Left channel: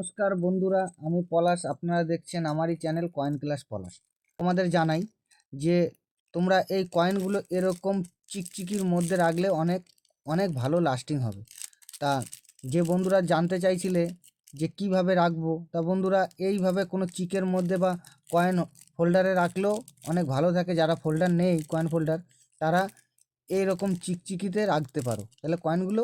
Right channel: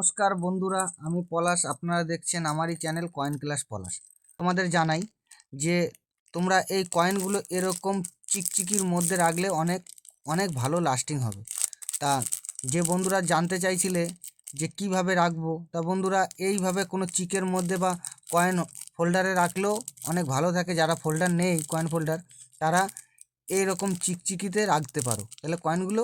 নমস্কার বন্ধুরা, আমি পলাশ। আপনারা দেখছেন আমারই চ্যানেল কয়েন ক্লাস পলাশ। তোমাদের জানাই যে তোমরা এই কয়েনগুলো এরকম চিকচিকির মধ্যে রাখলে অনেক অনেক ভালো লাস্টিং হবে। তা যে বন্ধুরা জানতে চাইছিলে যে কিভাবে রাখবো, তা বন্ধুরা এইভাবে কোনো চিকের মধ্যে বা কয়েন ফোল্ডারে রাখলেও অনেক ভালো থাকে। যারা ফোল্ডার নেই, কয়েন ফোল্ডার, তারা এইরকম চিকচিকিতে রাখতে পারো, তাহলে কয়েনগুলো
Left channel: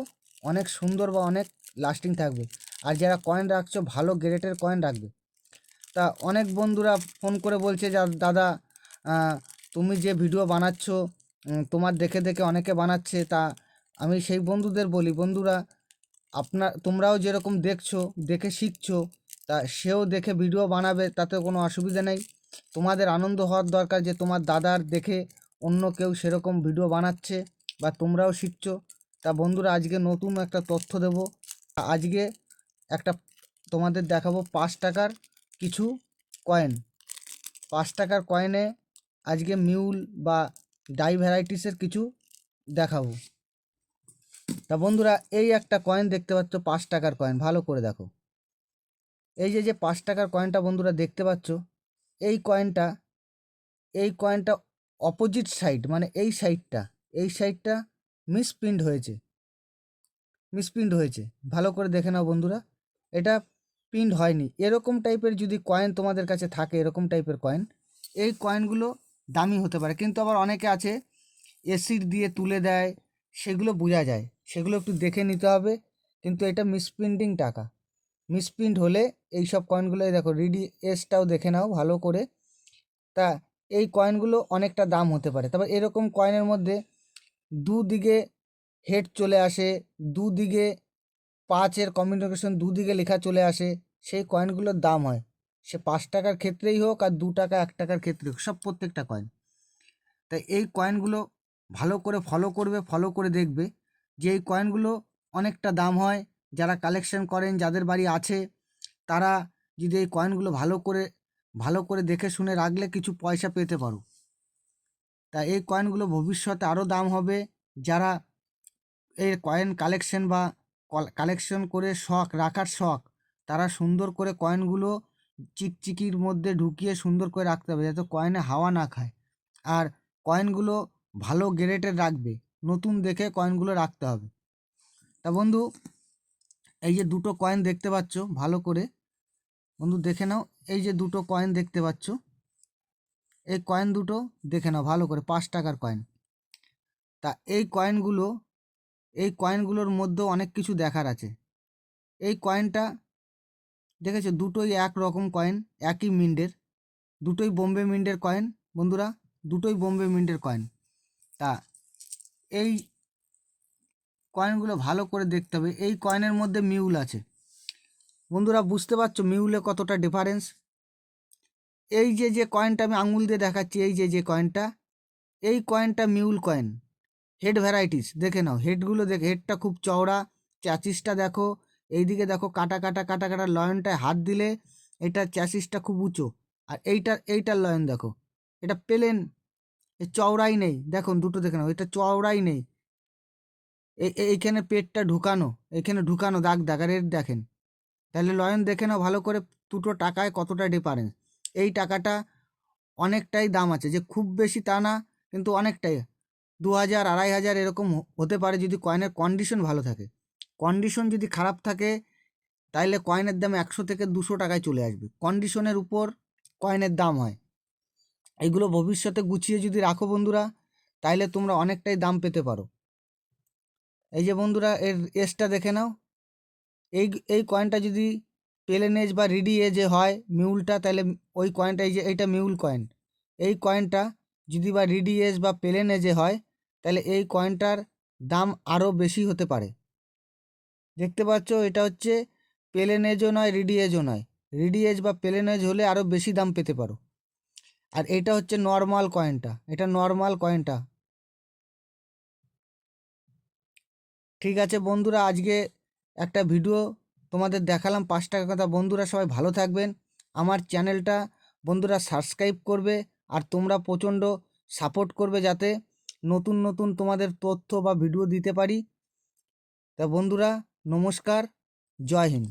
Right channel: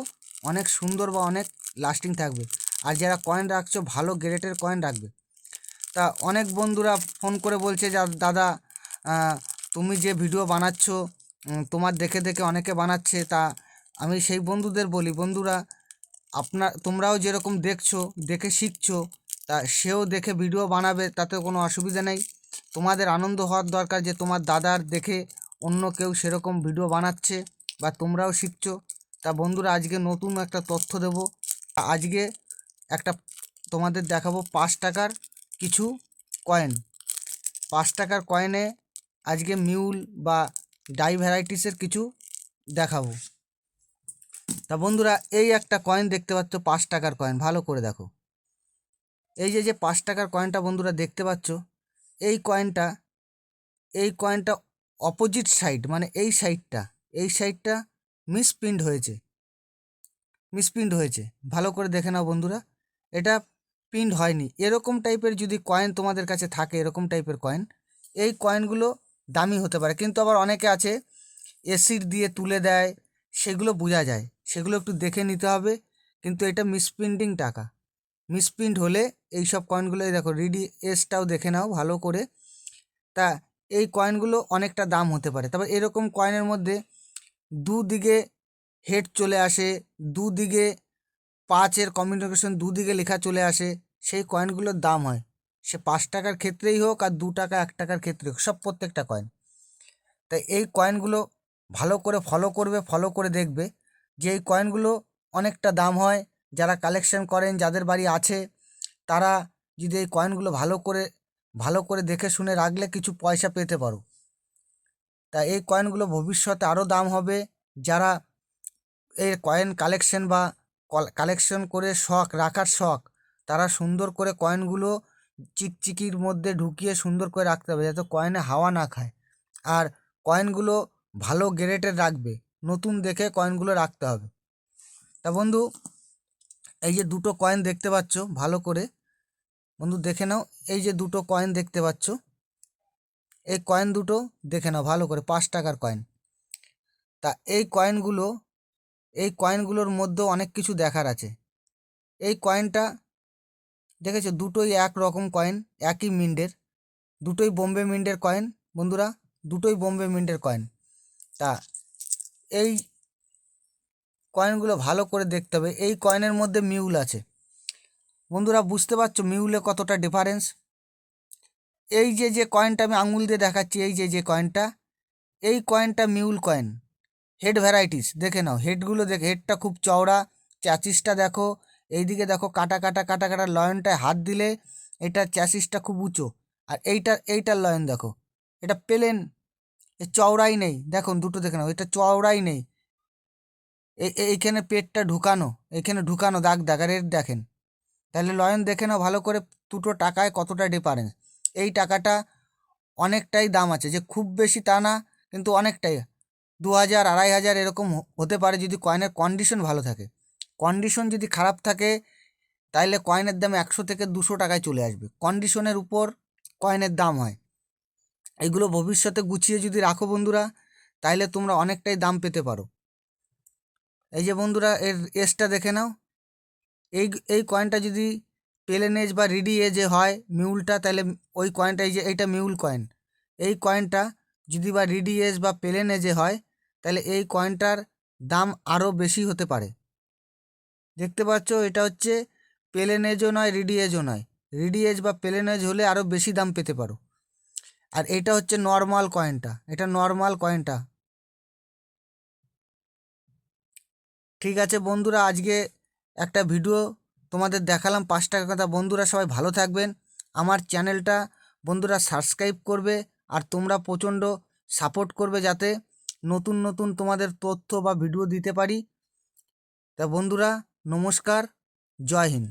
অনেক সুন্দর বা অনেক লাস্টিং থাকবে। আর যারা কয়েন রাখছো, ভালো গ্রেডের কয়েন রাখবে। তা অনেক বন্ধুরা ফোন করে বলছে যে দাদা, তুমি যে ভিডিও বানাচ্ছ, তোমার দেখে দেখে অনেকে বানাচ্ছে। তা আমি সেই বন্ধুদের বলি, বন্ধুরা তোমরাও যেরকম দেখছো, দেখে শিখছো, তা সেও দেখে ভিডিও বানাবে, তাতে কোনো অসুবিধা নেই। তোমাদের আনন্দ হওয়ার দরকার যে তোমার দাদার দেখে অন্য কেউ সেরকম ভিডিও বানাচ্ছে বা তোমরাও শিখছো। তা বন্ধুরা, আজকে নতুন একটা তথ্য দেব। আজকে একটা তোমাদের দেখাবো 5 টাকার কিছু কয়েন। 5 টাকার কয়েনে আজকে মিউল বা ডাই ভ্যারাইটিসের কিছু দেখাবো। তা বন্ধুরা, এই একটা কয়েন দেখতে পাচ্ছ, 5 টাকার কয়েন। ভালো করে দেখো। এই যে 5 টাকার কয়েনটা বন্ধুরা দেখতে পাচ্ছ, এই কয়েনটা অপোজিট সাইড, মানে এই সাইডটা মিসপ্রিন্ট হয়েছে। ভালো করে দেখে নাও বন্ধুরা, এটা প্রিন্ট হয়নি। এরকম টাইপের যদি কয়েন তোমাদের কাছে থাকে, এরকম টাইপের কয়েন, এই কয়েনগুলো দামি হতে পারে। কিন্তু আবার অনেকে আছে এসিড দিয়ে তুলে দেয়, সেগুলো বোঝা যায়, সেগুলো একটু দেখে নিতে হবে। কিন্তু এটা মিসপ্রিন্ট হলে এই সব কয়েনগুলো, এই দেখো রিডি এসটাও দেখে নাও ভালো করে। তা এই কয়েনগুলো অনেকটা দাম হতে পারে। তবে এরকম কয়েনের মধ্যে দুদিকে হেড চলে আসে, দুদিকে 5-এর কমিউনিকেশন দুদিকে লেখা চলে আসে, সেই কয়েনগুলোর দাম হয়। সে 5 টাকার ক্ষেত্রেই হোক আর 2 টাকা 1 টাকার ক্ষেত্রে হোক, সব প্রত্যেকটা কয়েন। তাই এই কয়েনগুলো ভালো করে ফলো করে দেখবে যে এই কয়েনগুলো অনেকটা দাম হয়। যারা কালেকশন করেন, যাদের বাড়ি আছে, তারা যদি এই কয়েনগুলো ভালো করে দেখে শুনে রাখলে কিছু পয়সা পেতে পারো। তা এই কয়েনগুলো ভবিষ্যতে আরও দাম হবে। যারা এই কয়েন কালেকশন বা কালেকশন করে রাখার শখ, তারা সুন্দর করে কয়েনগুলো চিকচিকির মধ্যে ঢুকিয়ে সুন্দর করে রাখতে হবে, যাতে কয়েনে হাওয়া না খায়। আর কয়েনগুলো ভালো গ্রেডের রাখবে, নতুন দেখে কয়েনগুলো রাখতে হবে। তা বন্ধু, এই যে দুটো কয়েন দেখতে পাচ্ছ, ভালো করে বন্ধু দেখে নাও। এই যে দুটো কয়েন দেখতে পাচ্ছ, এই কয়েন দুটো দেখে নাও ভালো করে, 5 টাকার কয়েন। তা এই কয়েনগুলোর মধ্যেও অনেক কিছু দেখার আছে। এই কয়েনটা দেখেছো, দুটোই এক রকম কয়েন, একই মিন্টের, দুটোই বোম্বে মিন্টের কয়েন বন্ধুরা, দুটোই বোম্বে মিন্টের কয়েন। তা এই কয়েনগুলো ভালো করে দেখতে হবে। এই কয়েনের মধ্যে মিউল আছে বন্ধুরা, বুঝতে পারছো মিউলে কতটা ডিফারেন্স? এই যে কয়েনটা আমি আঙুল দিয়ে দেখাচ্ছি, এই যে কয়েনটা, এই কয়েনটা মিউল কয়েন। হেড ভ্যারাইটিস দেখে নাও, হেডগুলো দেখে, হেডটা খুব চওড়া, চ্যাসিসটা দেখো, এইদিকে দেখো কাটা কাটা লয়নটায় হাত দিলে এটা চ্যাসিসটা খুব উঁচু। আর এইটার লয়ন দেখো, এটা প্লেন, চওড়াই নেই। দেখুন দুটো দেখে নাও, এটা চওড়াই নেই। এইখানে পেটটা ঢুকানো, এইখানে ঢুকানো দাগ আর এর দেখেন। তাহলে লয়ন দেখে নাও ভালো করে, দুটো টাকায় কতটা ডিফারেন্স। এই টাকাটা অনেকটাই দাম আছে, যে খুব বেশি তা না, কিন্তু অনেকটাই। 2000 2500 এরকম হতে পারে যদি কয়েনের কন্ডিশন ভালো থাকে। কন্ডিশন যদি খারাপ থাকে, তাইলে কয়েনের দাম 100 থেকে 200 টাকায় চলে আসবে। কন্ডিশনের উপর কয়েনের দাম হয়। এগুলো ভবিষ্যতে গুছিয়ে যদি রাখো বন্ধুরা, তাইলে তোমরা অনেকটাই দাম পেতে পারো। এই যে বন্ধুরা, এর এজটা দেখে নাও। এই কয়েনটা যদি প্লেন এজ বা রিডি এজে হয় মিউলটা, তাহলে ওই কয়েনটা, এই যে এইটা মিউল কয়েন, এই কয়েনটা যদি বা রিডি এজ বা প্লেন এজে হয়, তাহলে এই কয়েনটার দাম আরও বেশি হতে পারে। দেখতে পাচ্ছ, এটা হচ্ছে প্লেন এজও নয়, রিডি এজও নয়। রিডি এজ বা প্লেন এজ হলে আরও বেশি দাম পেতে পারো। আর এটা হচ্ছে নর্মাল কয়েনটা, এটা নর্মাল কয়েনটা। ঠিক আছে বন্ধুরা, আজকে একটা ভিডিও তোমাদের দেখালাম 5 টাকার কথা। বন্ধুরা সবাই ভালো থাকবেন। আমার চ্যানেলটা বন্ধুরা সাবস্ক্রাইব করবে, আর তোমরা প্রচণ্ড সাপোর্ট করবে, যাতে নতুন নতুন তোমাদের তথ্য বা ভিডিও দিতে পারি। তা বন্ধুরা, নমস্কার, জয় হিন্দ।